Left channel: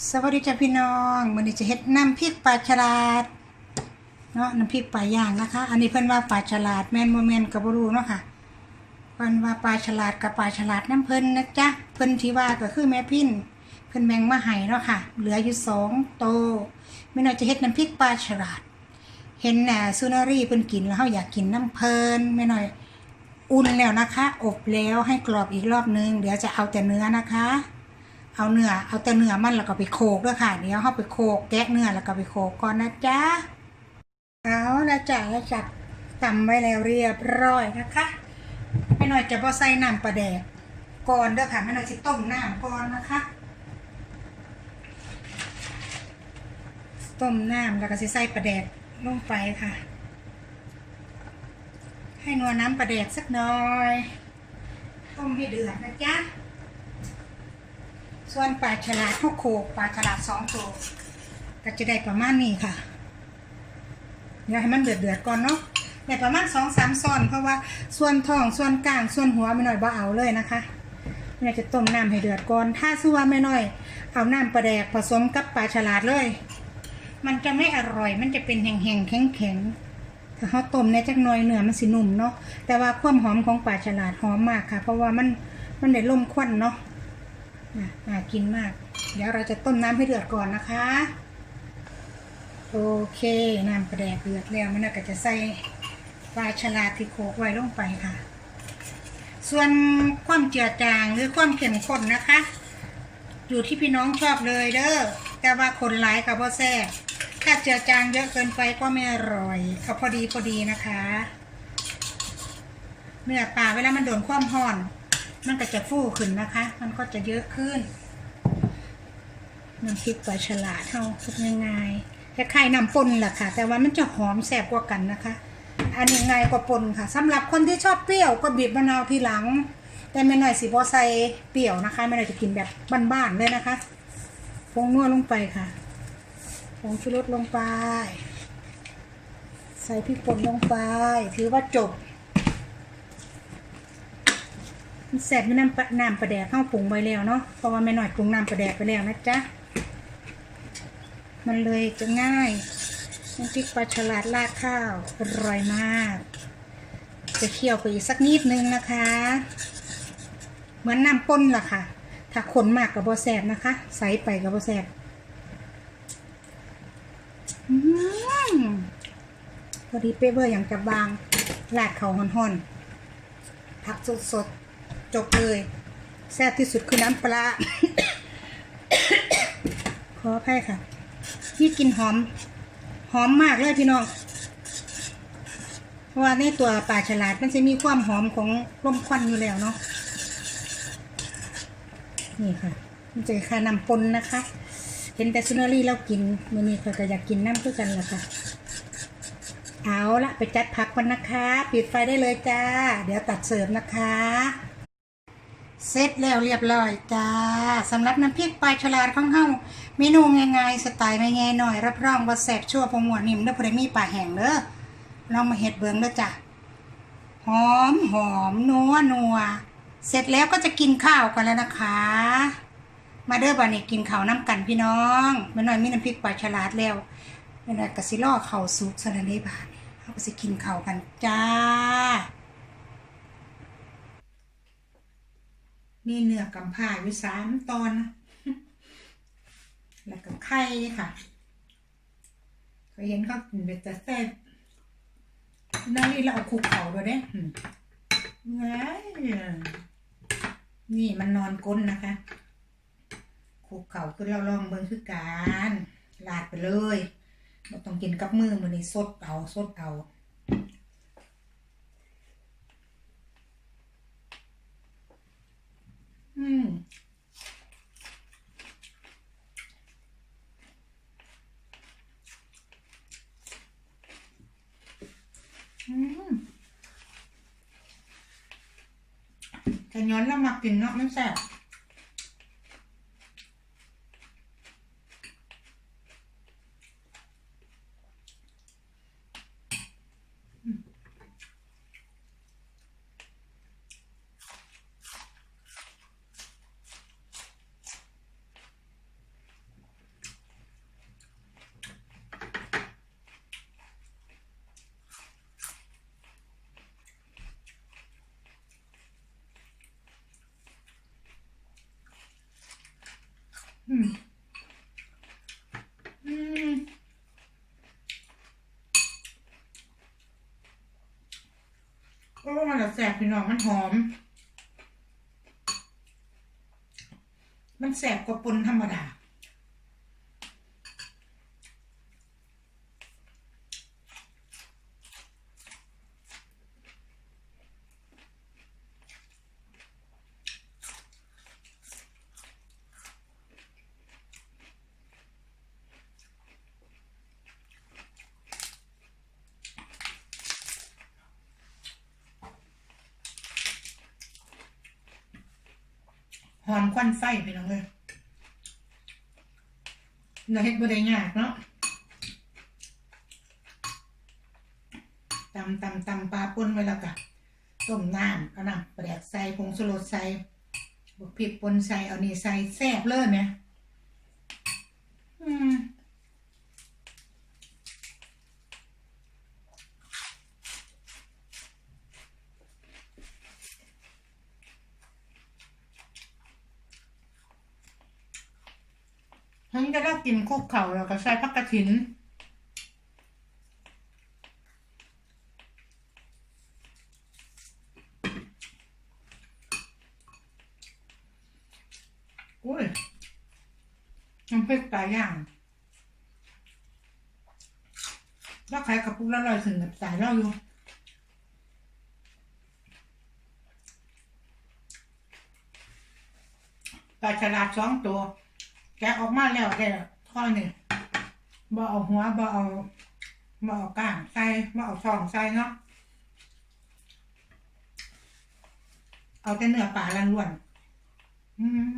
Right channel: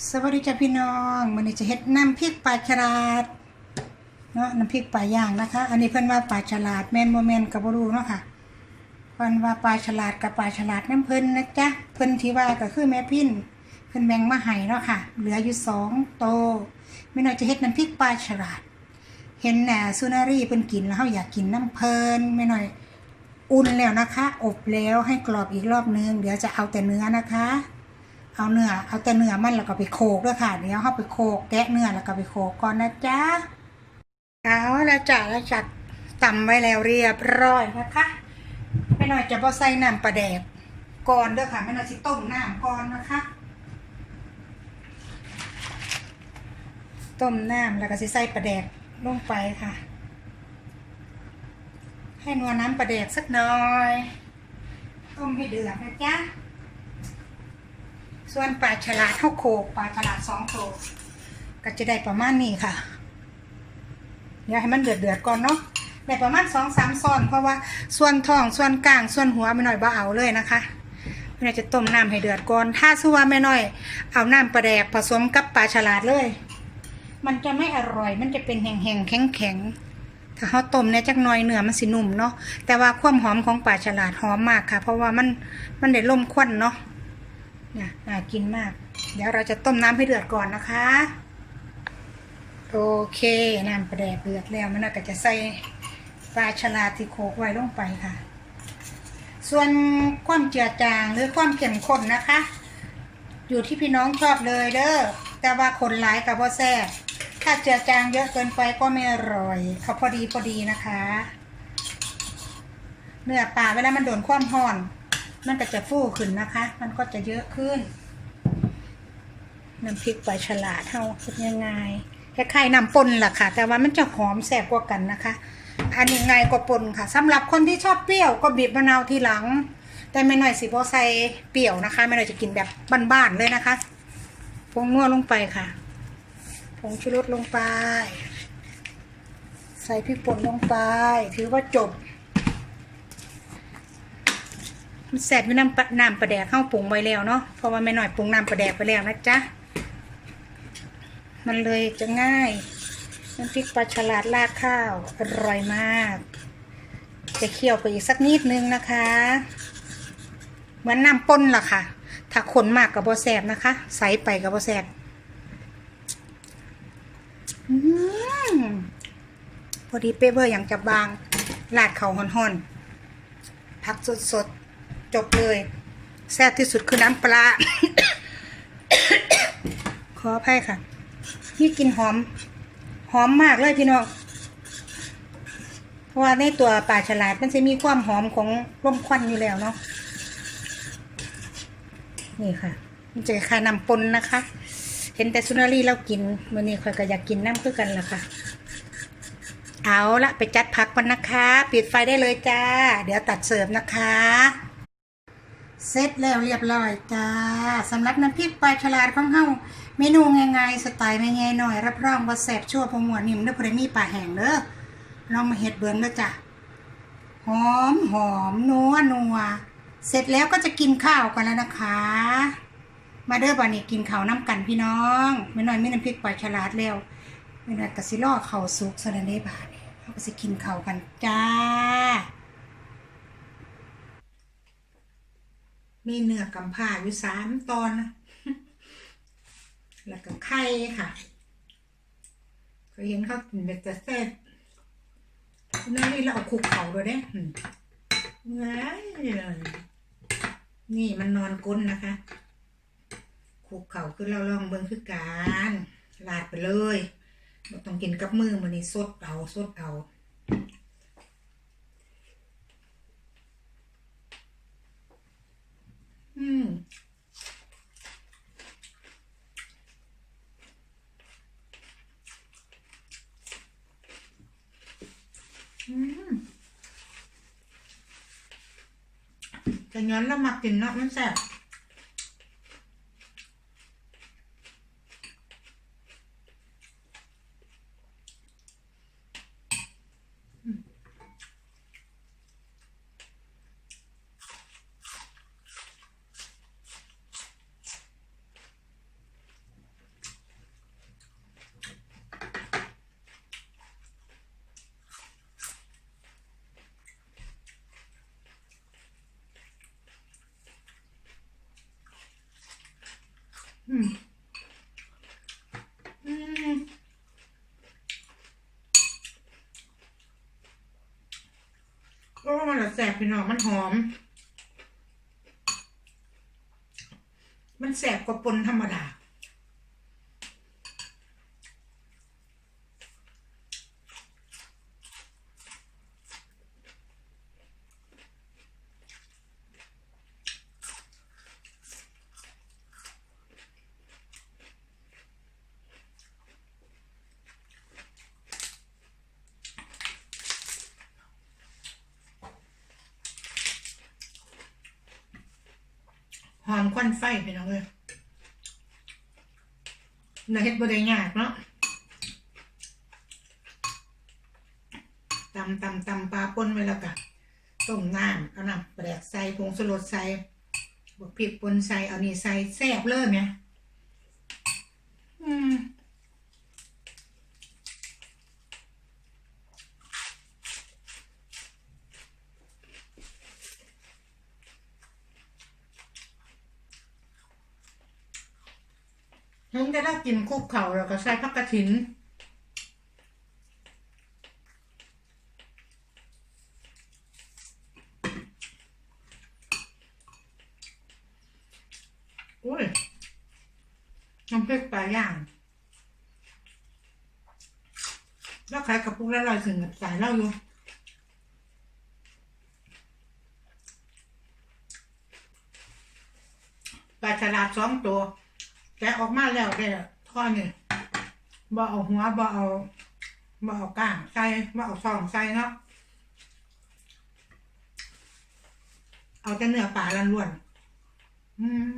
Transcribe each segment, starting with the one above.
สวัสดีจ้าพี่น้องวันนี้จะเฮ็ดน้ำพริกปลาฉลาดเนาะน้ำพริกปลาย่างนะคะ อันนี้เพิ่อนว่าปลาฉลาดแม่นโมแมนกับบรูเนาะค่ะเพิ่อนว่าปลาฉลาดกับปลาฉลาดน้ำเพิ่นนะจ๊ะเพิ่นที่ว่าก็คือแม่พินเพิ่นแบ่งมาให้เนาะค่ะ เหลืออยู่สองโตไม่น่อยจะเฮ็ดน้ำพริกปลาฉลาด เห็นน่ะซูนารีเพิ่นกินแล้วเฮาอยากกินน้ำเพิ่นไม่น่อยอุ่นแล้วนะคะ อบแล้วให้กรอบอีกรอบนึงเดี๋ยวจะเอาแต่เนื้อนะคะ เอาเนื้อเอาแต่เนื้อมันแล้วก็ไปโขลกด้วยค่ะ เดี๋ยวเขาไปโขลกแกะเนื้อแล้วก็ไปโขลกก่อนนะจ๊ะเอาแล้วจ้ะแล้วจัดตำไว้แล้วเรียบร้อยนะคะไม่หน่อยจะบ่ใส่น้ำปลาแดกก่อนเด้อค่ะไม่หน่อยสิต้มน้ำก่อนนะคะต้มน้ำแล้วก็สิใส่ปลาแดกลงไปค่ะ ให้นัวน้ำปลาแดกสักหน่อย ต้มให้เดือดนะจ๊ะ ส่วนปลาฉลาดเท่าโคปลาฉลาดสองโคกก็จะได้ประมาณนี้ค่ะเดี๋ยวให้มันเดือดเดือดก่อนเนาะได้ประมาณสองสามส่วนเพราะว่าส่วนท้องส่วนกลางส่วนหัวไม่น้อยบ่เอาเลยนะคะไม่น้อยจะต้มน้ำให้เดือดก่อน ถ้าสู้ว่าไม่น้อย เอาน้ำปลาแดกผสมกับปลาฉลาดเลย มันจะไม่อร่อย มันจะเป็นแห้งๆแข็งๆถ้าเขาต้มเนี่ยจักหน่อยเนื้อมันสินุ่มเนาะแต่ว่าความหอมของปลาฉลาดหอมมากค่ะ เพราะว่ามันมันได้ลมควันเนาะ น่ะน่ากินมาก เดี๋ยวเราจะต้มน้ำให้เดือดก่อนนะคะ โอเคน้ำปลาแดกเดือดแล้วมันก็จะใส่ปลาฉลาดที่โขกไว้ลงไปค่ะ ส่วนความเจือจางหรือความเข้มข้นนะคะ อยู่ที่พี่น้องชอบเลยเด้อแต่ว่าคนหลายกับพ่อแซ่บถ้าเจือจางเยอะเกินไปก็ไม่อร่อย เอาพอดีพอดีนะคะ เนื้อปลาเวลามันโดนความร้อน มันก็จะฟูขึ้นนะคะ มันก็จะเยอะขึ้น น้ำพริกปลาฉลาดเท่าคิดง่ายๆคล้ายๆน้ำปนล่ะค่ะ แต่ว่ามันจะหอมแสบกว่ากันนะคะ อันนี้ง่ายกว่าปนค่ะสำหรับคนที่ชอบเปรี้ยวก็บีบมะนาวทีหลัง แต่ไม่หน่อยสิบอใส่เปรี้ยวนะคะไม่หน่อยจะกินแบบบ้านๆเลยนะคะผงนัวลงไปค่ะผงชูรสลงไป ใส่พริกป่นลงไป ถือว่าจบ มันแสบอยู่น้ำปลาน้ำปลาแดกเข้าปรุงไว้แล้วเนาะเพราะว่าแม่หน่อยปรุงน้ำปลาแดกไปแล้วนะจ๊ะมันเลยจะง่ายน้ำพริกปลาฉลาดราดข้าวอร่อยมาก จะเคี่ยวไปอีกสักนิดนึงนะคะเหมือนน้ำป้นล่ะค่ะ ถ้าขนมากกับบอแสบนะคะ ใสไปกับบอแสบพอดีเป๊ะเบอร์อย่างจะบางลาดเขาห่อนๆผักสดๆ จบเลย แซ่บที่สุดคือน้ำปลา ขออภัยค่ะ นี่กลินหอม หอมมากเลยพี่น้อง เพราะว่าในตัวปลาฉลาดมันจะมีความหอมของร่มควันอยู่แล้วเนาะ นี่ค่ะมันจะคายน้ำปนนะคะ เห็นแต่ซุนารีเรากินมื่อนี้ค่อยก็อยากกินน้ำเพื่อกันละค่ะเอาละไปจัดพักกันนะคะ ปิดไฟได้เลยจ้า เดี๋ยวตัดเสิร์ฟนะคะ เสร็จแล้วเรียบร้อยจ้าสำหรับน้ำพริกปลาฉลาดของเฮาเมนูง่ายๆสไตล์ไม่ง่ายหน่อย รับรองว่าแซ่บชั่วพอหมวดนิ่มเด้อพอได้มีปลาแห้งเด้อลองมาเฮ็ดเบิ่งเด้อจ้ะหอมหอมนัวนัวเสร็จแล้วก็จะกินข้าวกันแล้วนะคะ มาเด้อบัดนี้กินข้าวน้ำกันพี่น้องแม่น้อยมีน้ำพริกปลาฉลาดแล้วแม่น้อยก็สิรอข้าวสุกซะแล้วเด้บานเฮาก็สิกินข้าวกันจ้า มีเนื้อกำผ่าอยู่สามตอนนะแล้วก็ไข่ค่ะเคยเห็นเขากินเบ็ดแต่เส้นนั่นนี่เราเอาคุกเขาด้วยเด้ว้ายนี่มันนอนก้นนะคะคุกเขาคือเราลองเบิ่งคือการลาดไปเลยเราต้องกินกับมือมันนี่สดเอาสดเอา อืม อืมแต่ ย้อนเรามากินเนาะมันแซ่บ อืม อืม โอ้ มันละแสบ พี่น้องมันหอม มันแสบกว่าปนธรรมดา หอมควันไฟพี่น้องเลยเราเฮ็ดบ่ได้ยากเนาะตำตำตำปลาป่นไว้แล้วก็ต้มน้ำเอาน้ำปลกใส่ผงชูรสใส่บวกพริกป่นใส่เอานี่ใส่แซ่บเลยไหมอืมฉันจะได้ กินคุกเข่าแล้วก็ใส่ผักกระถินอุ้ยน้ำพริกปลาย่าง แล้วขายกระปุกละร้อยถึงกับสายเล่าอยู่ปลาฉลาดสองตัว แกออกมาแล้วได้ ข้อนี่บ่เอาหัวบ่เอาบ่เอาก้างใส่บ่เอาซองใส่เนาะเอาแต่เนื้อปลาล้วนๆอืม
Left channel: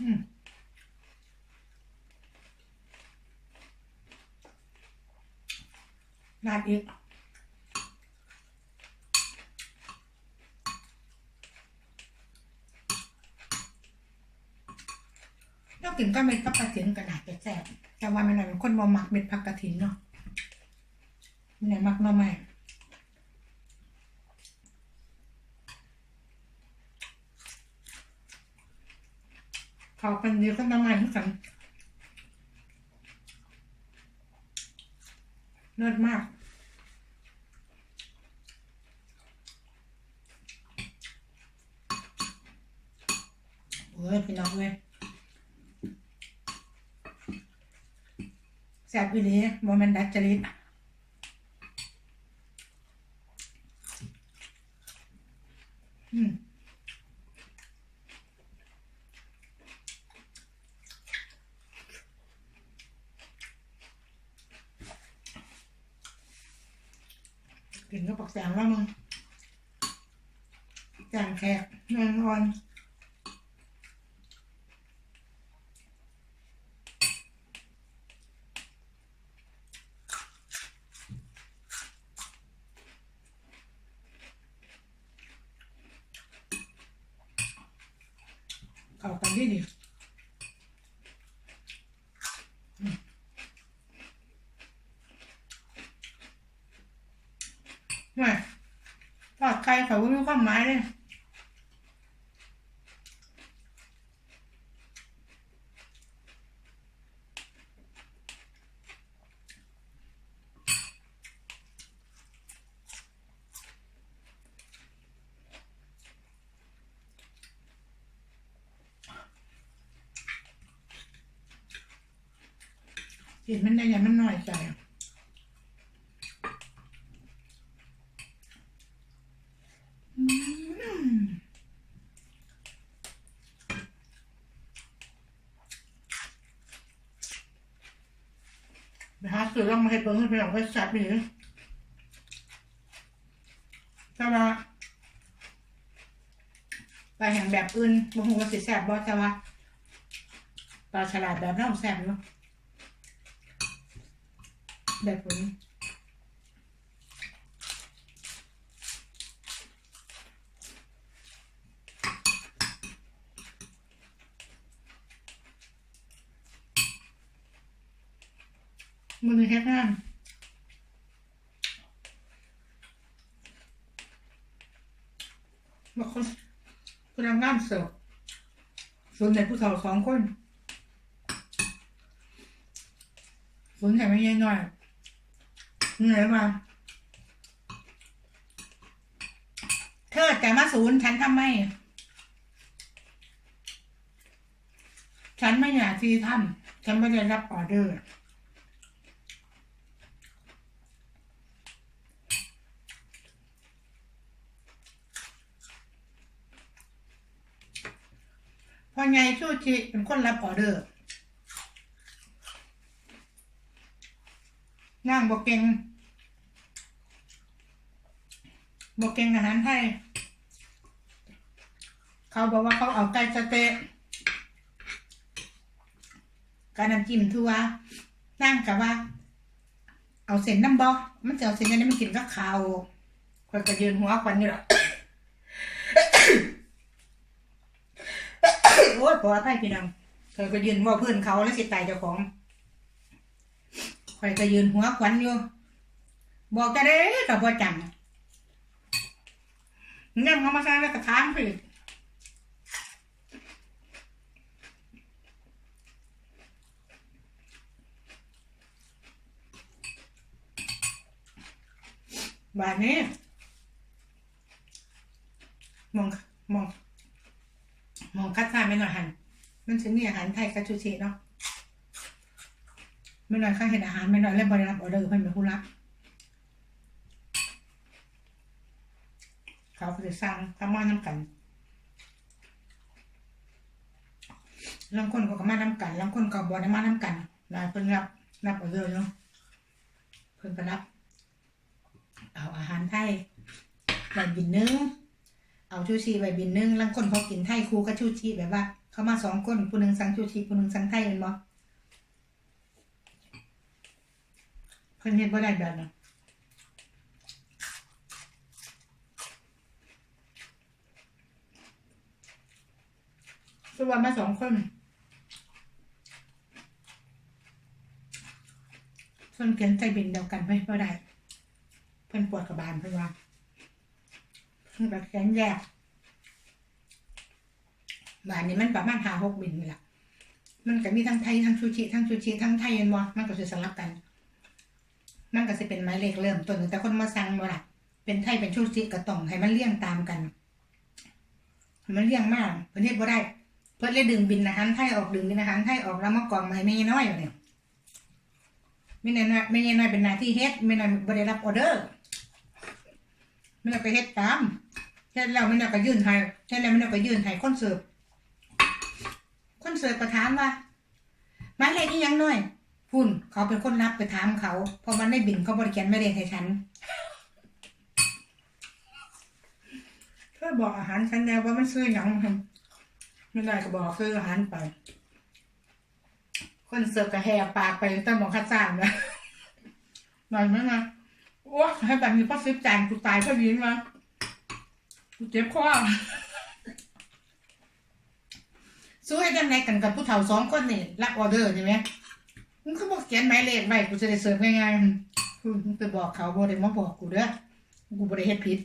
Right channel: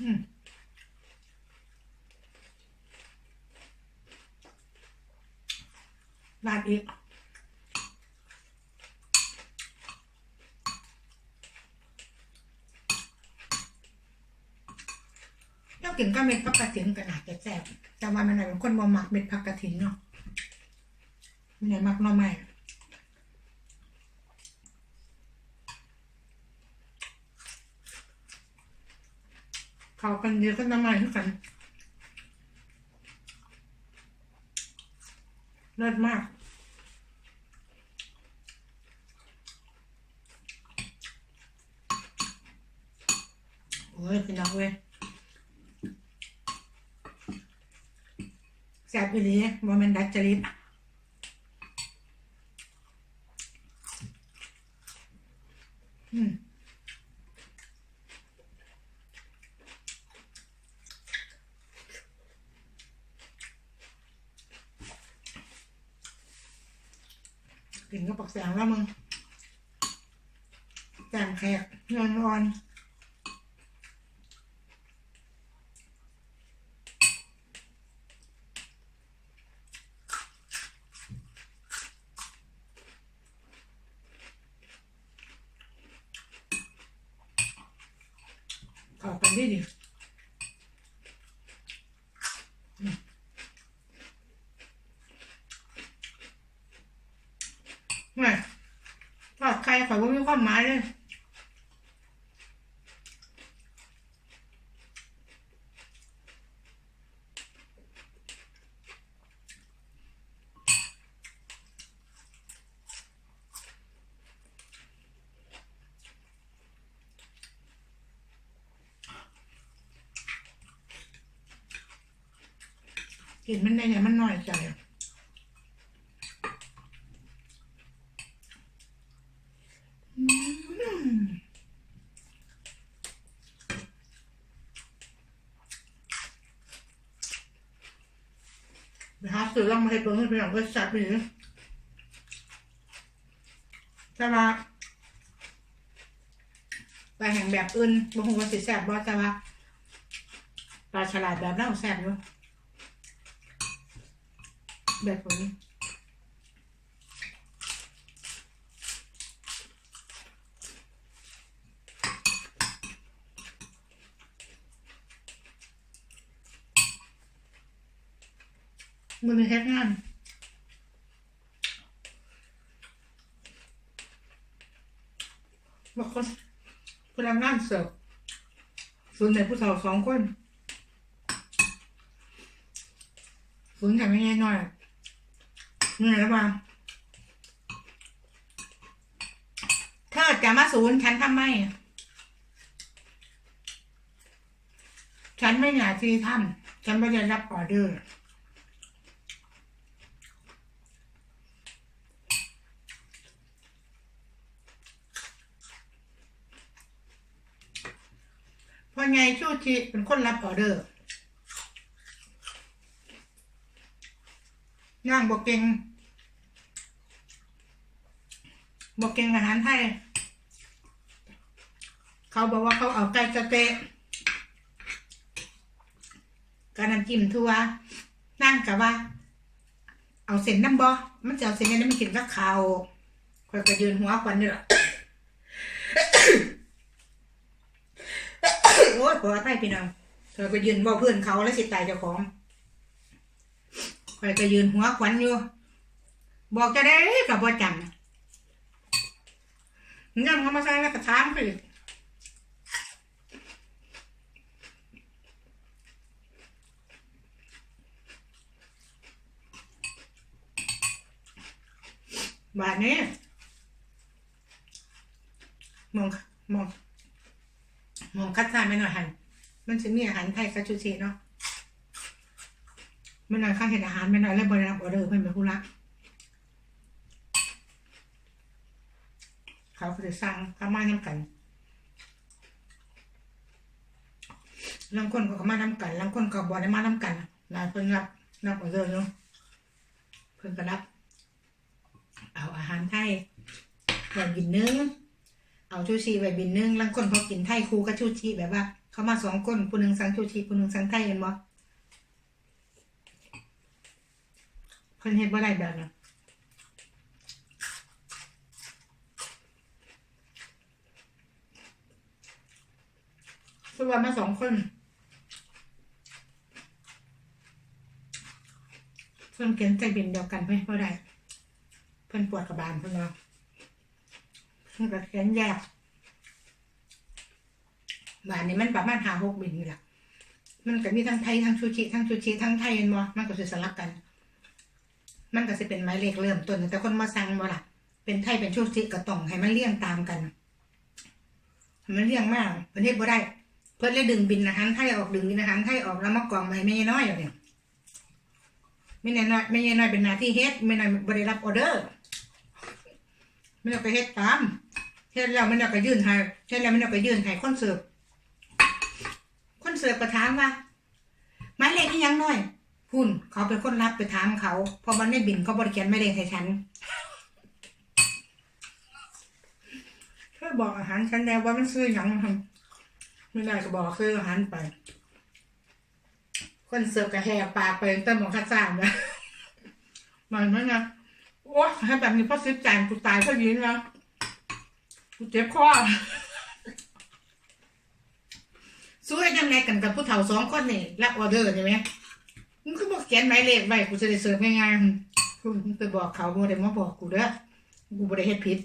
อืม ราดอีกแล้วกินก็เม็ดผักกระถินก็น่าจะแซ่บแต่ว่าไม่หน่อยเป็นคนบ่มักเม็ดผักกระถินเนาะไม่หน่อยมักหน่อไม้เขากันเดีก็น่อไม้ทุกกันเลิศมาก โอ้ยพี่น้องเว้ย แซ่ บอีลีบ่แม่นดัดจริตอืมกินก็ปักแสงแล้วมึงแกงแขกเงินอ่อน เข้ากันดีดีอืมไม่ทอดไข่ข่อยว่ามี ความหมายเลยกินมันได้ยังมันน้อยใจอืมไปหาซื้อลอง มาเห้เปิ้งให้ไปลองไปจัดไปหรือแต่ว่าไปแห่งแบบอื่นบ่ฮู้ว่าสิแซ่บบ่แต่ว่าปลาฉลาดแบบนั้นแซ่บอยู่แบบนี้ แค่งานบางคนพนักงานเสิร์ฟส่วนใหญ่ผู้สาวสองคนส่วนใหญ่ไม่ใช่น้อยเหนื่อยแล้วบ้างเธอจะมาศูนย์ฉันทำไม ฉันไม่อยากที่ทำฉันไม่ได้รับออเดอร์ พอไงชูชิเป็นคนรับออเดอร์นั่งบอกเก่งบอกเก่งอาหารไทย เขาบอกว่าเขาเอาไก่สเต๊ะการน้ำจิ้มทั่วนั่งกับว่า เอาเส้นน้ำบอมันจะเอาเส้นนั้นมันกินกับข้าวคอยกระยืนหัวควันอยู่หรอก โอ้ยขออภัยพี่น้องเธอก็ยืนเว่าเพื่อนเขาแล้วสิตายเจ้าของคอยก็ยืนหัวขวัญอยู่ บอกจะได้กับบ่จำนงั้นเขามาใส่แล้วก็ถามเขาอีกบาทนี้มองมอง มองคัดซ่าไม่หน่อยหัน มันจะมีอาหารไทยกับชูชีเนาะไม่หน่อยข้าเห็นอาหารไม่หน่อยแล้วบริรับออเดอร์เพิ่นเป็นผู้รักเขาก็จะสั่งทำมาน้ำกันลางคนก็มาน้ำกันลางคนก็บอได้มาน้ำกันนายเพิ่นรับรับออเดอร์อยู่เพิ่นก็รับ เอาอาหารไทยไว้บินนึงเอาชูชีไว้บินนึงลางคนเขากินไทยคู่กับชูชีแบบว่า เขามาสองคนผู้หนึ่งสั่งชูชีผู้หนึ่งสั่งไทยเห็นบ่เพิ่นเฮ็ดบ่ได้แบบนั้นคือว่ามาสองคนเพิ่นเขียนใจบินเดียวกันไม่บ่ได้ เพิ่นปวดกระบาลเพิ่นว่ามันก็แขนแยก บานนี้มันประมาณหาหกบินนี่แหละมันก็มีทั้งไทยทั้งชูชิทั้งชูชิทั้งไทยเห็นบ่มันก็จะสลับกัน มันก็จะเป็นไม้เลขเริ่มต้นแต่คนมาสั่งบ่ล่ะ เป็นไทยเป็นชูชิก็ต้องให้มันเลี่ยงตามกัน มันเลี่ยงมากประเทศบ่ได้ เพิ่นเลยดึงบินอาหารไทยออกดึงบินอาหารไทยออกแล้วมากองมาให้แม่ยายน้อยอยู่เนี่ยไม่แน่น้อยไม่ยายน้อยเป็นหน้าที่เฮ็ดไม่น้อยบ่ได้รับออเดอร์ไมันเอาไปเฮ็ดตามเฮ็ดแล้วไมันเอาก็ยื่นให้เฮ็ดแล้วไมันเอาก็ยื่นให้คนเสิร์ฟ เสิร์ฟก็ถามว่าหมายเลขอีหยังน้อยพุ่นเขาเป็นคนรับไปถามเขาเพราะมันได้บินเขาบริการไม่ได้ให้ฉันเธอบอกอาหารฉันแล้วว่ามันซื้อหยังไม่ได้ก็บอกซื้ออาหารไป คนเสิร์ฟก็แหกปากไปตั้งมองคัดซ่ามนะมันมั้งนะโอ้ให้แบบนี้พ่อซื้อจานกูตายเพรายินมากูเจ็บคอ สู้ให้ยังไงกันกับผู้เฒ่าสองคนนี่รับออเดอร์ใช่ไหมมึงก็บอกเขียนหมายเลขไว้กูจะได้เสิร์ฟง่ายๆกูไปบอกเขาบ่ได้มาบอกกูเด้อกูบ่ได้เฮ็ดผิด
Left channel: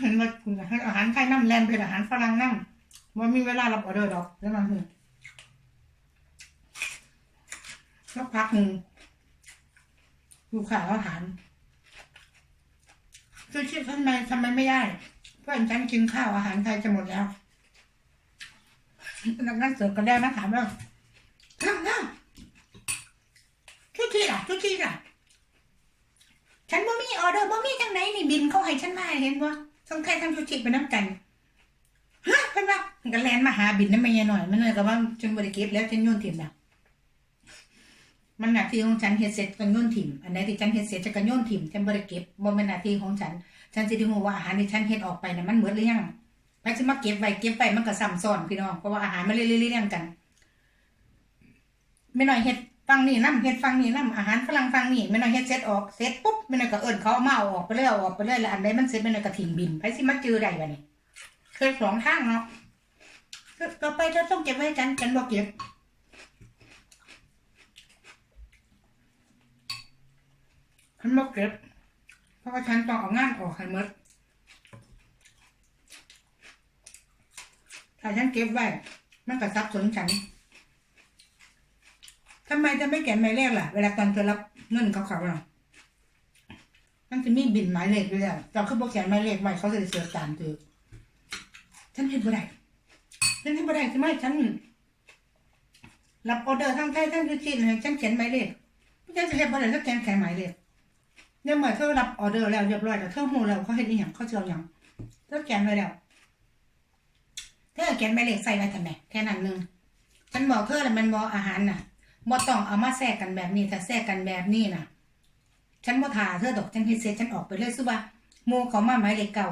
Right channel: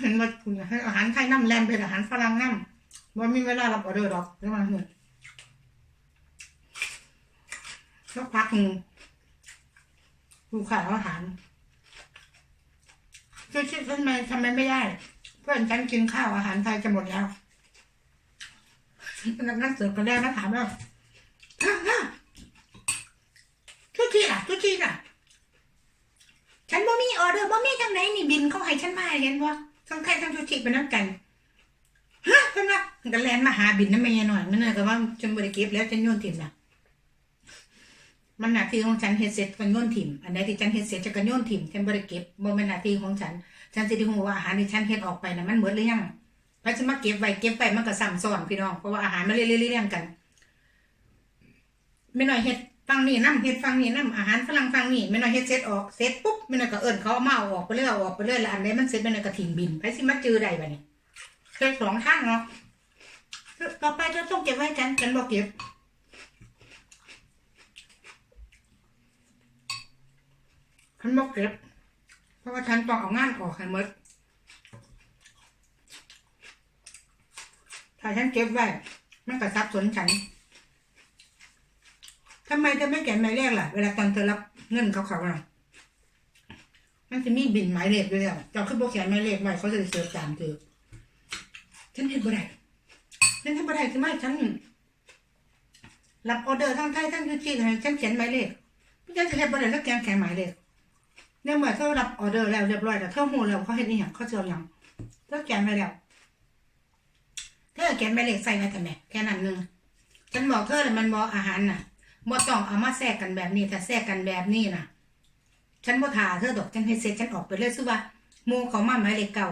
เห็นว่ากูให้อาหารไทยน้ำแลมเป็นอาหารฝรั่งน้ำว่ามีเวลารับออเดอร์ดอกเดี๋ยวมาเถอะสักพักหนึ่งลูกค้าเขาถามชูชีทำไมทำไมไม่ได้ เพื่อนฉันกินข้าวอาหารไทยจะหมดแล้ว นักงานเสิร์ฟก็ได้มาถามว่าท่าท่าชูชีล่ะชูชีล่ะ ฉันบ่มีออเดอร์บ่มีจังไหนนี่บินเขาให้ฉันมาเห็นว่าทั้งไทยทั้งชูชีเป็นน้ำกันฮะเพิ่นว่าก็แลนมาหาบินนั่นไม่ยหน่อยมันเลยก็ว่าฉันบริก็บแล้วฉันโยนถิ่มละมันหน้าที่ของฉันเฮ็ดเสร็จก็โยนถิ่มอันไหนที่ฉันเฮ็ดเสร็จจะก็โยนถิ่มฉันบ่ได้เก็บบ่เป็นหน้าที่ของฉัน ฉันสิได้ฮู้ว่าอาหารที่ฉันเฮ็ดออกไปน่ะมันหมดหรือยัง ไปสิมาเก็บไว้เก็บไปมันก็ซ้ำซ้อนพี่น้องเพราะว่าอาหารมันเรื่อยๆๆกันไม่น้อยเฮ็ดฟังนี่นํเฮ็ดฟังนี่นํอาหารฝรั่งฟังนี่ไม่น้อยเฮ็ดเสร็จออกเสร็จปุ๊บไม่น้อยก็เอิ้นเขาเอามาออกไปเรื่อยออกไปเรื่อยแล้วอันใดมันเสร็จไม่น้อยก็ทิ้งบินไปสิมาจือได้บัดนี้เคยสองทางเนาะต่อไปเธอต้องเก็บไว้ให้ฉันฉันบ่เก็บฉันบ่เก็บเพราะว่าฉันต้องเอางานออกให้หมด ถ้าฉันเก็บไว้ มันก็ซับสนฉันทำไมเธอไม่เขียนหมายเลขล่ะ เวลาตอนเธอรับเงินเขาเขาน่ะมันจะมีบินหมายเลขด้วยแล้วเจ้าคือบอกเขียนหมายเลขไว้เขาจะเสิร์ชตามเธอฉันเห็นบ่ได้ฉันเห็นบ่ได้ใช่ไหมฉันรับออเดอร์ทั้งไทยทั้งยูจีนให้ฉันเขียนหมายเลขพี่จะเห็นบ่ได้สักแกนแข็งหมายเลขเนี่ยเมื่อเธอรับออเดอร์แล้วเรียบร้อยแล้วเธอหูแล้วเขาเห็นอีหยังเขาเจออย่างเธอแกนไว้แล้ว เธอเขียนหมายเลขใส่ไว้ทำไมแค่นั้นหนึงฉันบอกเธอเลยมันบอกอาหารน่ะบ่ต้องเอามาแทรกกันแบบนี้ถ้าแทรกกันแบบนี้น่ะ ฉันบ่ทาเธอดอกฉันเฮ็ดเสร็จฉันออกไปเลยซื้อว่ามูเขามาหมายเลขเก่า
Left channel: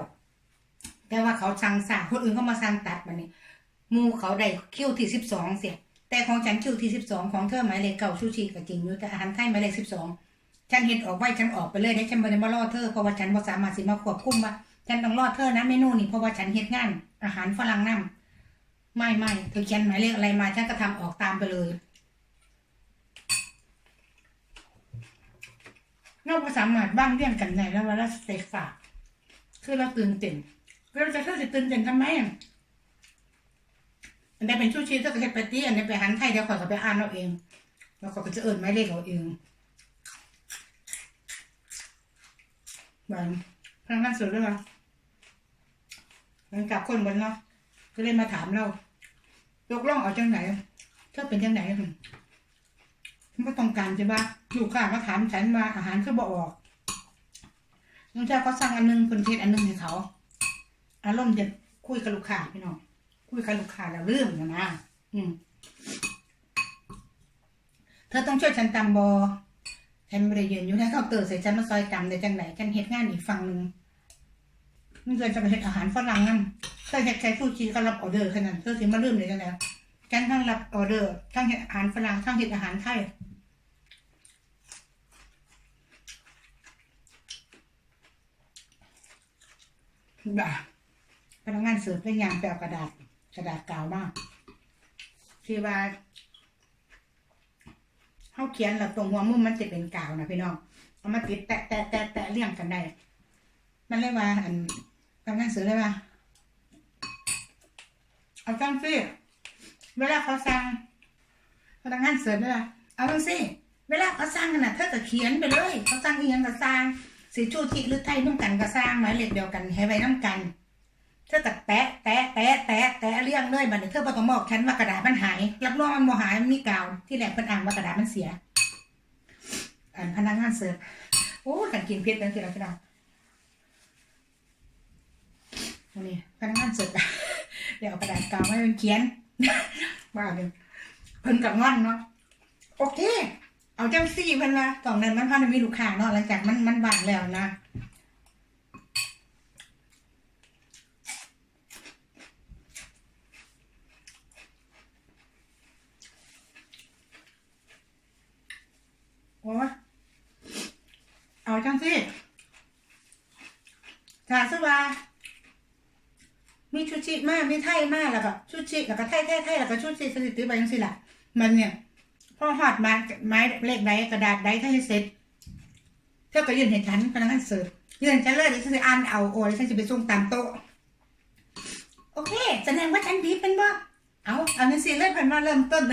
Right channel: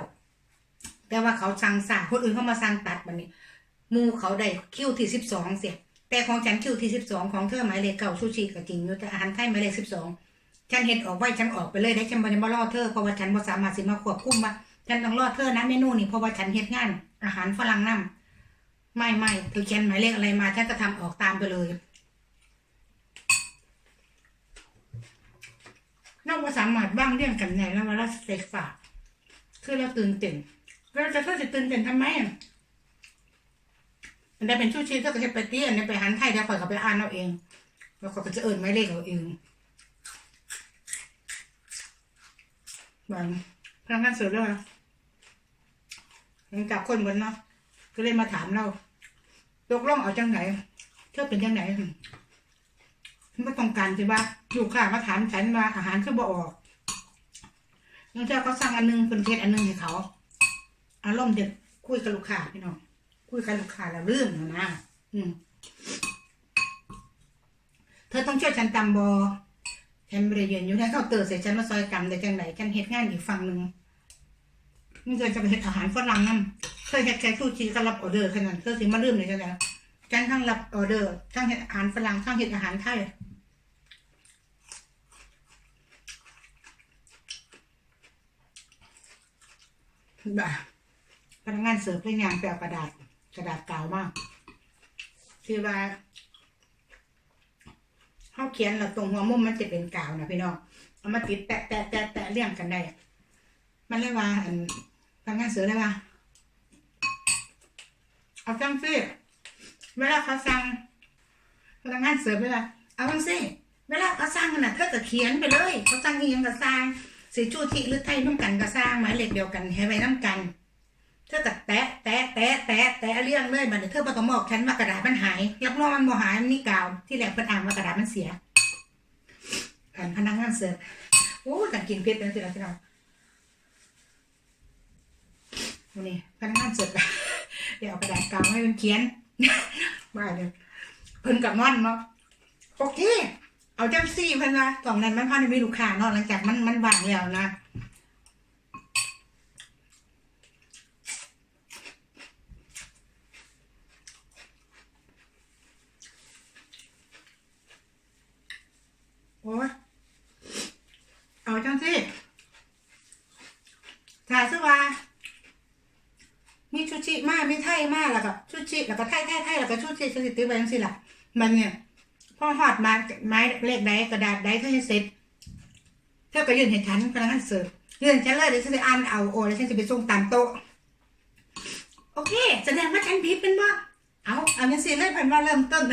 แต่ว่าเขาสั่งสาคนอื่นเขามาสั่งตัดบัดนี้มูเขาได้คิวที่สิบสองเสียแต่ของฉันคิวที่สิบสองของเธอหมายเลขเก่าซูชิก็จริงอยู่แต่อาหารไทยหมายเลขสิบสองฉันเห็นออกไว้ฉันออกไปเลยได้ฉันบ่ได้มารอเธอเพราะว่าฉันบ่สามารถสิมาควบคุมว่าฉันต้องรอเธอนะเมนูนี่เพราะว่าฉันเฮ็ดงานอาหารฝรั่งนำ ไม่ไม่เธอเขียนหมายเลขอะไรมาฉันก็ทำออกตามไปเลยนอกจากสามารถบ้างเรื่องกันในแล้วเวลาสเต็กฝากคือเราตื่นเต้นเราจะเธอจะตื่นเต้นทำไมอันนี้เป็นชูชีเธอก็เฮ็ดไปตีอันนี้ไปหันไทยเดี๋ยวข่อยก็ไปอ่านเอาเองแล้วข่อยก็จะเอิญหมายเลขเอาเองบางพนักงานเสิร์ฟด้วยค่ะหลังจากคนบนเนาะก็เลยมาถามเรา ตกลงเอาจังไหนเธอเป็นจังไหนฉันก็ต้องการใช่ปะลูกค้ามาถามฉันว่าอาหารคือบ่ออกน้องเจ้าก็สั่งอันหนึงเพิ่นเทศอันหนึงให้เขา อารมณ์เด็ดคุยกับลูกค้าพี่น้องคุยกับลูกค้าแล้วลืมนะนะอืมเธอต้องช่วยฉันตำบอฉันบริเวณอยู่ในเคาน์เตอร์ใส่ฉันมาซอยตำได้จังไหนฉันเฮ็ดงานอีกฝั่งหนึ่ง นี่เธอจะไปเฮ็ดอาหารฝรั่งนั่นเธอเฮ็ดแค่ซูชิก็รับออเดอร์แค่นั้นเธอสิมาลืมเลยจังไดฉันทั้งรับออเดอร์ทั้งเฮ็ดอาหารฝรั่งทั้งเฮ็ดอาหารไทยบ่าพนักงานเสิร์ฟเล่นยางแปลกระดาษกระดาษกาวมากที่ว่าเขาเขียนแล้วตรงหัวมุมมันจะเป็นกาวนะพี่น้องเอามาติดแตะแตะแตะแตะเรียงกันได้มันเลยว่าอัน พนักงานเสิร์ฟเลยว่าเอาจังสิเวลาเขาสั่งพนักงานเสิร์ฟเวลาเอาจังสิเวลาเขาสั่งน่ะเธอก็เขียนไปเลย เขาสั่งอีหยังก็สั่งสีชูทิหรือไทยน้ำกันก็สั่งหมายเลขเดียวกันให้ไว้น้ำกัน เธอก็แตะแตะแตะแตะแตะเรื่องเลยบัดนี้เธอบ่ต้องบอกฉันว่ากระดาษมันหายรับรองมันบ่หายมันมีกาว ที่แรกเพิ่นอ่านว่ากระดาษมันเสียอันพนักงานเสิร์ฟโอ้กันกินเผ็ดเป็นสิเราพี่น้องวั นนี้พนักงานเสิร์ฟเดี๋ยวเอากระดาษกาวให้มันเขียนว่าเดี๋ยวเพิ่นกับงอนเนาะโอเค เอาจังซี่เพิ่นว่าตอนนั้นมันพาได้มีลูกค้าเนาะหลังจากมันมันว่างแล้วนะโอ้เอาจังซี่ถ้าซะว่า มีชูชิมากมีไทยมาแล้วก็ชูชิแล้วก็ไทยไทยไทยแล้วก็ชูชิสถิติไปยังสิล่ะ มันเนี่ยพอหอดมาไม้เลขใดกระดาษใดถ้าให้เสร็จเท่ากับยื่นให้ฉันพนักงานเสิร์ฟยื่นฉันเลยเดี๋ยวฉันจะอ่านเอาโอ้แล้วฉันจะไปส่งตามโต๊ะโอเค แสดงว่าฉันผิดเป็นว่าเอาเอาเงินสิเลยเพิ่นว่าเริ่มต้น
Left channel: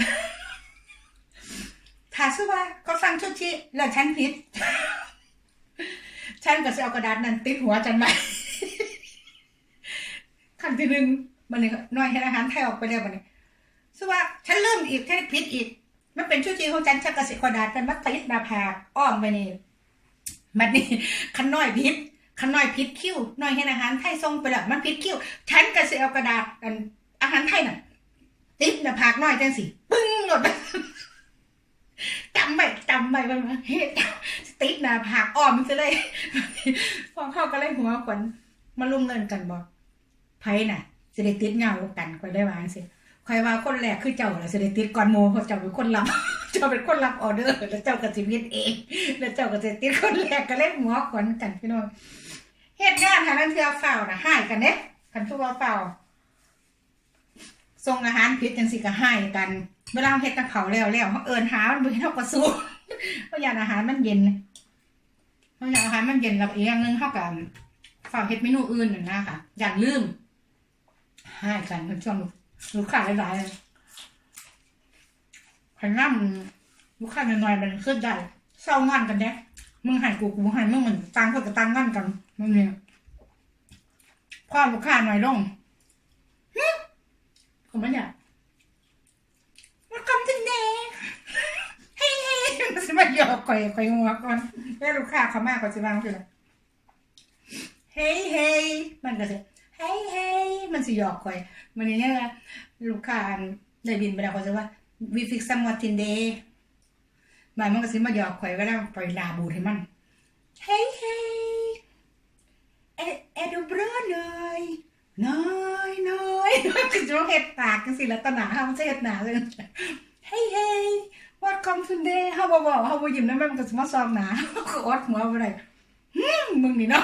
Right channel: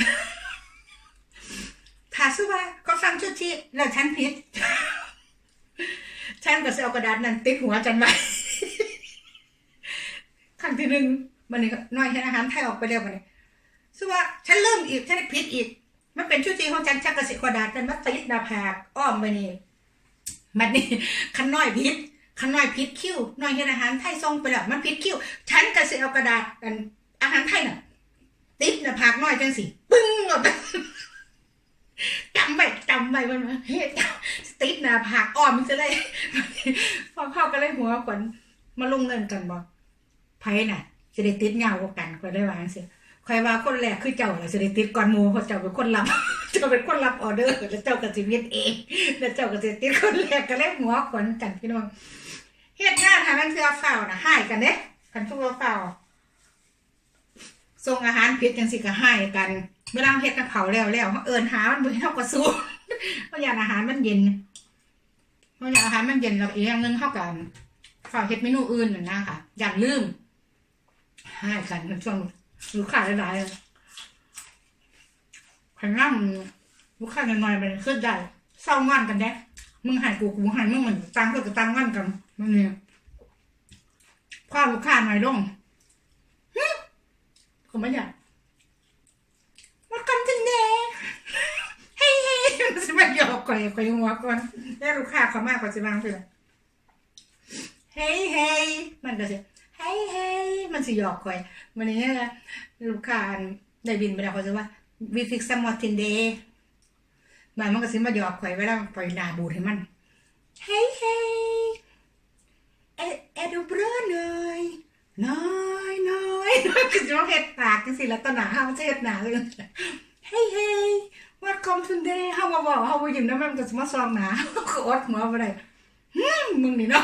ถ้าสู้ว่าเขาฟังชูชิแล้วฉันผิดฉันก็จะเอากระดาษนั้นติดหัวฉันไว้ ครั้งที่หนึ่งมันนี่น้อยให้อาหารไทยออกไปแล้วมันนี่ซึ่งว่าฉันเริ่มอีกฉันผิดอีก มันเป็นชูชีของฉันชักกระสิกระดาษกันมาติดนาผากอ้อมไปนี่มันนี่ขันน้อยพิษขันน้อยพิษคิ้วน้อยให้อาหารไทยส่งไปแล้วมันพิษคิ้วฉันก็สิเอากระดาษอันอาหารไทยน่ะ ติดหน้าผากน้อยจังสิปึ้งออกไปจำไว้จำไว้มันว่าเฮ้ยติดนาผากอ้อมมันจะเลยพอเข้าก็เลยหัวขวัญมาลงเงินกันบอก ไผน่ะสิได้ติดเงาวกันคอยได้วาจังสิคอยว่าคนแรกคือเจ้าล่ะสิได้ติดก่อนหมู่เพราะเจ้าเป็นคนรับ เจ้าเป็นคนรับออเดอร์แล้วเจ้าก็สิเฮ็ดเองแล้วเจ้าก็สิติดคนแรกก็เลยหัวขวัญกันพี่น้องเฮ็ดงานหานั้นคือเฝ้าน่ะหายกันเด้คันทุกเอาฝ้าส่งอาหารผิดจังสิก็หายกัน เวลาเฮ็ดกับเขาแล้วแล้วเฮาเอิ้นหามันบ่เห็นเฮาก็สู้เพราะยานอาหารมันเย็นเขาอยากอาหารมันเย็นแล้วอีกอย่างหนึงเท่ากันฝาเฮ็ดเมนูอื่นน่ะนะค่ะ อย่าลืม ให้กันเป็นช่วงลูกค้าหลายๆขันน้ำลูกค้าน้อยๆมันขึ้นได้เศร้างอนกันเด้มึงใหายกูกูใหายมึงเหมือนตังเพื่อกับตังงอนกันมันเนี่ยพอลูกค้าหน้อยลงฮึก็ไม่อยากมาคำถึงเด้เฮ้ยเฮ้ยมันจะมาหยอกก่อยก่อยหัวก่อนแล้วลูกค้าเขามากกว่าสิบางทีละเฮ้ยเฮ้ยมันก็สิ เฮ้ยเฮ้ยมันสิหยอกก่อยมันนี่เนี่ยลูกค้าได้บินไปแล้วเขาจะว่า we fix some more today มันมันก็สิมาหยอกข่อยเวลาปล่อยหนาบูดให้มันเฮ้ยเฮ้ยเอเอดูเบรอหน่อยน้อยน้อยน้อยคือจะต้องเฮ็ดปากจังสิแล้วตอนหนาเฮามันจะเฮ็ดหนาเลยเฮ้ยเฮ้ย what come today เฮาบ่บอกเฮาบ่ยิ้มนำมันก็สิมาซองหนาก็อดหัวได้หืมมึงนี่เนาะ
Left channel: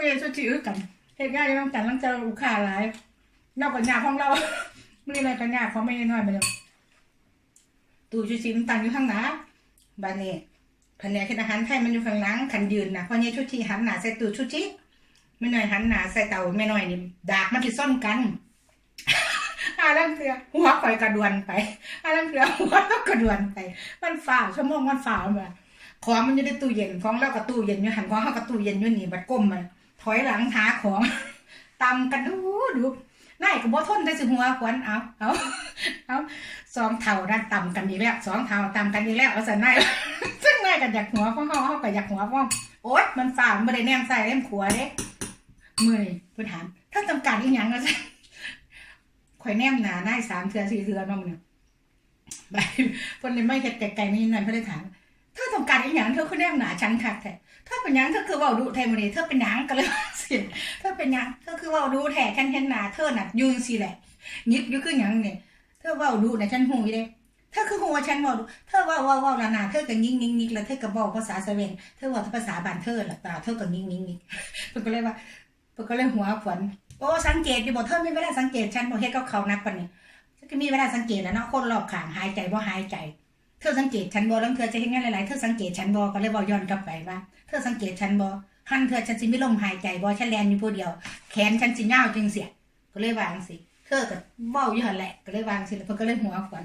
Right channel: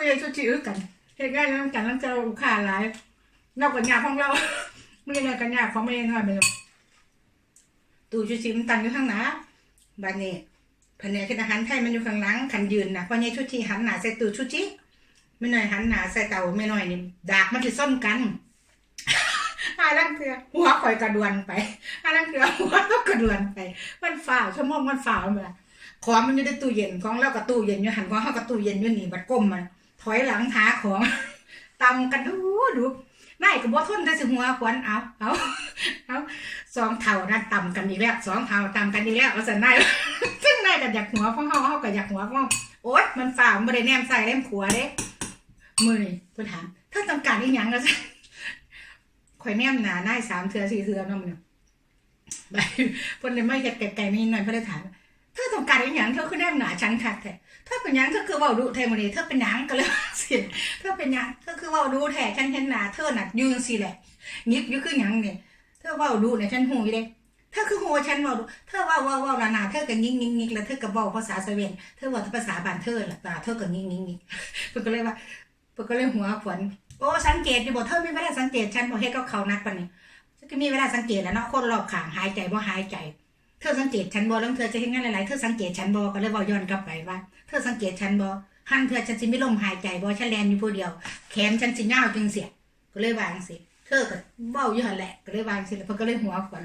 ก็ยังชื่อกันเฮ็ดงานอยู่นำกันนำเจอลูกค้าหลายนอกจากยากของเรามื้อนี้เลยกันยากของแม่น้อยไปแล้วตู้ชูชีมันตั้งอยู่ข้างหน้าบ้านนี้แผนกกินอาหารไทยมันอยู่ข้างหลังขันยืนนะเพราะเนี่ยชูชีหันหน้าใส่ตู้ชูชีไม่หน่อยหันหน้าใส่เตาไม่หน่อยนี่ดากมันจะซ่อนกันอาลังเถือหัวข่อยกระดวนไปอาลังเถือหัวต้องกระดวนไป มันฝ่าวชั่วโมงมันฝ่าวมาของมันอยู่ในตู้เย็นของเรากับตู้เย็นอยู่หันของเขากับตู้เย็นอยู่นี่บัดก้มมัน ถอยหลังหาของตำกันดูดูนายก็บ่ทนแต่สิหัวขวัญเอาเอาเอาสองเท่านั่นต่ำกันอีกแล้วสองเท่าต่ำกันอีกแล้วเอาสันนายซึ่งนายก็อยากหัวพ่อเฮาเฮาก็อยากหัวพ่อโอ๊ยมันฝ่ามันบ่ได้แนมใส่เล่มขัวเด้มือนี่เพิ่นถามถ้าต้องการอีหยังก็ซะข่อยแนมหนานายสามเทือสี่เทือนาะมันน่ะไปเพิ่นเลยไม่เฮ็ดไกลๆมีหน่อยเพิ่นเลยถามเธอต้องการอีหยังเธอคือแนมหนาฉันคักแท้ เธอเป็นยังเธอคือว้าดุแทมื้อนี้เธอเป็นยังก็เลยสิเธอเป็นยังเธอคือว้าดุแท้ฉันเห็นหน้าเธอน่ะอยืนสิแหละยิบยู่คือหยังนี่เธอว้าดูนะฉันหูยู่เด้เธอคือหัวฉันว้าดูเธอว่าว่าว่านานาเธอก็งิงงิงงิงแล้วเธอก็บอกภาษาสเวนเธอว่าภาษาบ้านเธอล่ะตาเธอก็งิงงิงงิงเพิ่นก็เลยว่าเพิ่นก็เลยหัวขวัญโอ้สังเกตอยู่บ่เธอไมีเวลาสังเกตฉันบ่เฮ็ดกับเขานักปานนี้ฉันก็มีเวลาสังเกตแล้วเนาะคนรอบข้างหายใจบ่หายใจ เธอสังเกตฉันบ่แล้วเธอจะเฮ็ดงานหลายๆ เธอสังเกตฉันบ่ก็เลยเว้าย้อนกลับไปว่า เธอสังเกตฉันบ่หันเธอฉันสิไมีลมหายใจบ่ฉันแลนอยู่ผู้เดียว แขนฉันสินยาวจังเสีย ก็เลยวางสิ เธอก็เว้าอยู่หันแหละ ก็เลยวางสิแล้วเพิ่นก็เลยหัวขวัญ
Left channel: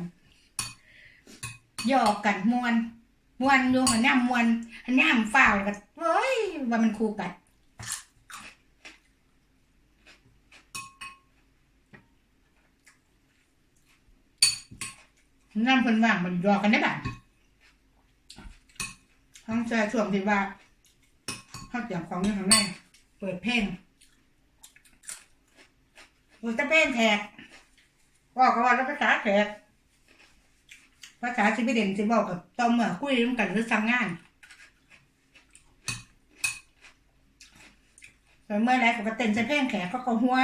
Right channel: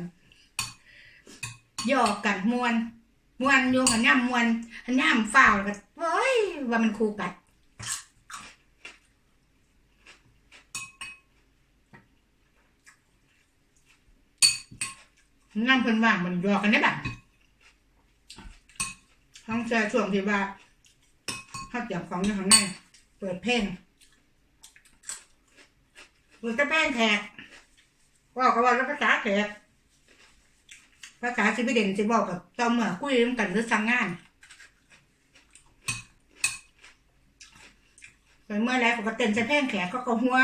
หยอกกันมวนมวนอยู่หันย่ำมวนหันย่ำฝ้าวแล้วก็เว้ยว่ามันคู่กัด น้ำเพิ่นว่างมันรอกันได้บ้างห้องแช่ช่วงที่ว่าเขาเตรียมของอยู่ข้างในเปิดเพลงเปิดแต่เพลงแขกว่าก็ว่าแล้วภาษาแขกภาษาสิไปเด่นสิบอกกับเจ้าเมื่อคุยร่วมกันหรือสั่งงานแต่เมื่อไรเขาก็เต้นใส่เพลงแขกเขาก็หัว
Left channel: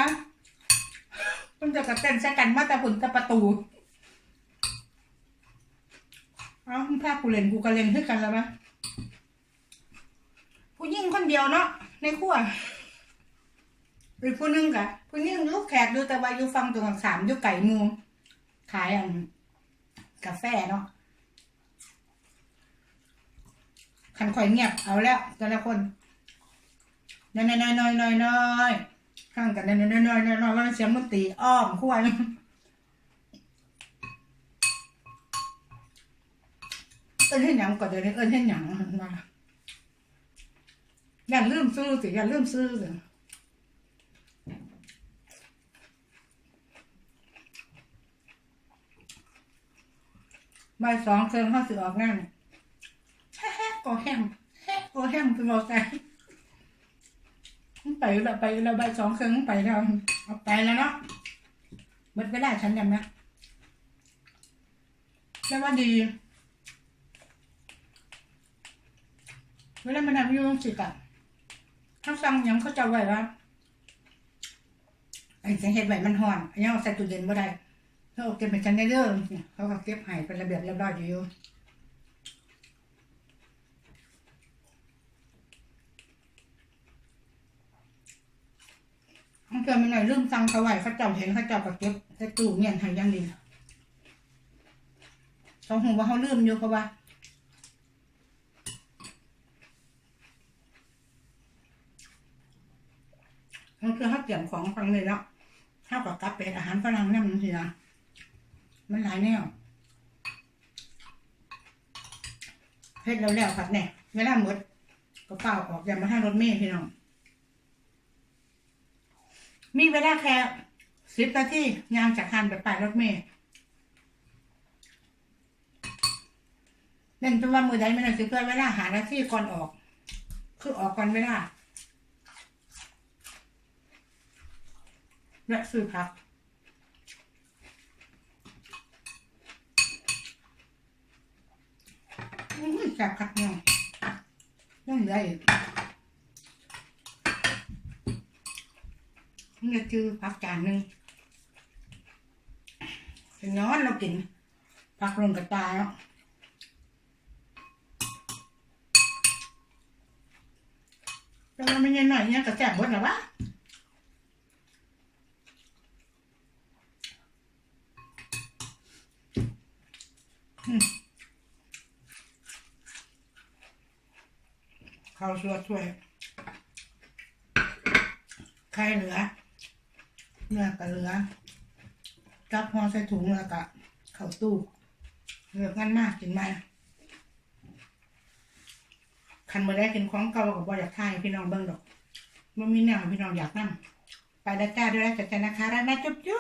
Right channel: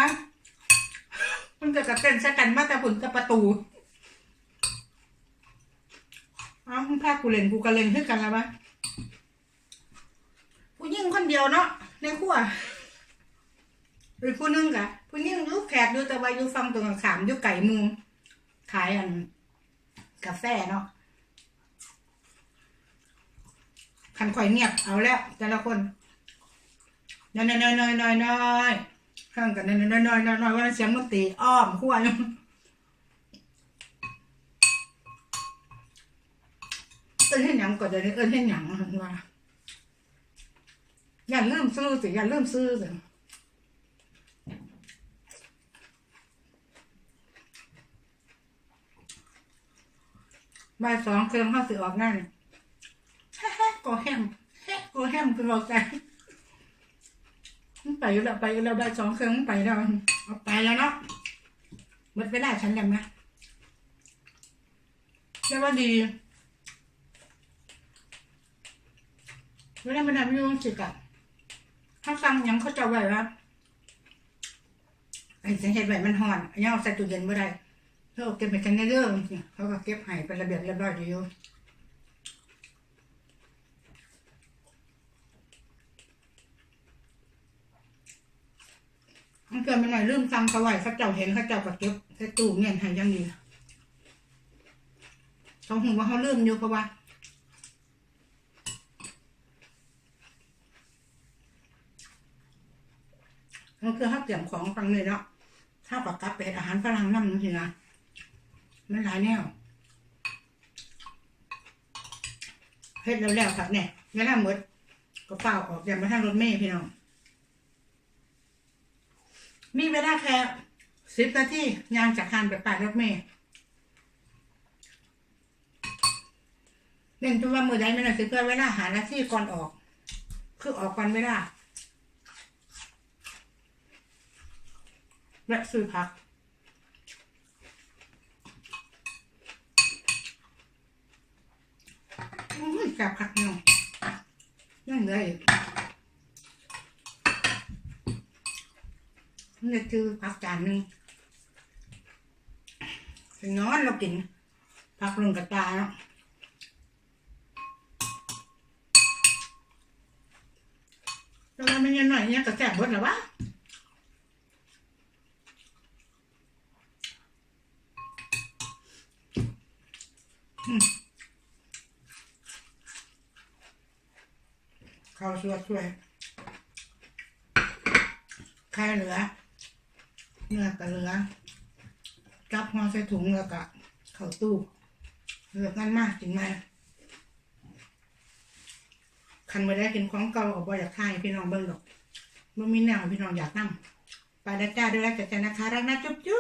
มันจะกระเต้นใส่กันมาแต่ผลแต่ประตู เอามึงพากูเล่นกูก็เล่นคือกันแล้วปะผู้หญิงคนเดียวเนาะในครัวหรือผู้หนึงกะผู้หญิงลูกแขกดูแต่ว่าอยู่ฟังตรงขามอยู่ไก่มูขายอัน กาแฟเนาะคันข่อยเงียบเอาแล้วแต่ละคนน้อยน้อยน้อยน้อยน้อยข้างกันน้อยน้อยน้อยน้อยน้อยว่ามันเสียงดนตรีอ้อมครัว เอิ้นให้หยังก็เดี๋ยวนี้เอิ้นให้หยังมาอย่าลืมซื้อสิอย่าลืมซื้อสิบ่ายสองเครื่องเขาสิออกงานแฮ่ๆก็แฮมแฮ่ก็แฮมคือเราใจมันไปแล้วไปแล้วบ่ายสองเครื่องไปแล้วเอาไปแล้วเนาะหมดเวลาฉันยังนะแต่ว่าดี เวลามันทำอยุ่งสิกะถ้าสั่งยังเขาจะไว้ว่าไอ้เสียงเห็ดไหวมันห่อนอันนี้เอาใส่ตู้เย็นบ่ได้เธอเอาเก็บไปจันได้เด้องเขาก็เก็บให้เป็นระเบียบเรียบร้อยอยู่มันเกิดมาหน่อยลืมสั่งเขาไว้เขาเจ้าเห็นเขาเจ้าก็เก็บใส่ตู้เงียนให้อยังดีเขาหูว่าเขาลืมอยู่เพราะว่า คือเขาเตรียมของฟังเลยเนาะเท่ากับกับไปเฮ็ดอาหารฝรั่งนั่นสินะมันหลายแนวเฮ็ดแล้วแล้วครับเนี่ยเวลาหมดก็เป่าออกอย่ามาทางรถเมล์พี่น้อง มีเวลาแค่สิบนาทียางจากคานไปป่ายรถเมล์เล่นจนว่ามือใดไม่หน่อยสิเพื่อเวลาหาหน้าที่ก่อนออก คือออกก่อนเวลา และซื้อพักอื้อจับพักเนาะยังเหลืออีกนี่คือพักจานหนึ่งเป็นนอนเรากินพักลงกระตาแล้วมันไม่ยังหน่อยเนี่ยก็แซ่บบดหรอวะ ข้าวชั่วช่วยไข่เหลือ เนื้อก็เหลือกับห่อใส่ถุงแล้วก็เข้าตู้เหลือกันมากกินไหมคันมาได้กินของเก่ากับบอยากทายพี่น้องเบิ่งดอกมันมีแนวพี่น้องอยากนั่ไปแล้วจ้าด้วยแล้วจัดกันนะคะรักนะจุ๊บจุ๊บ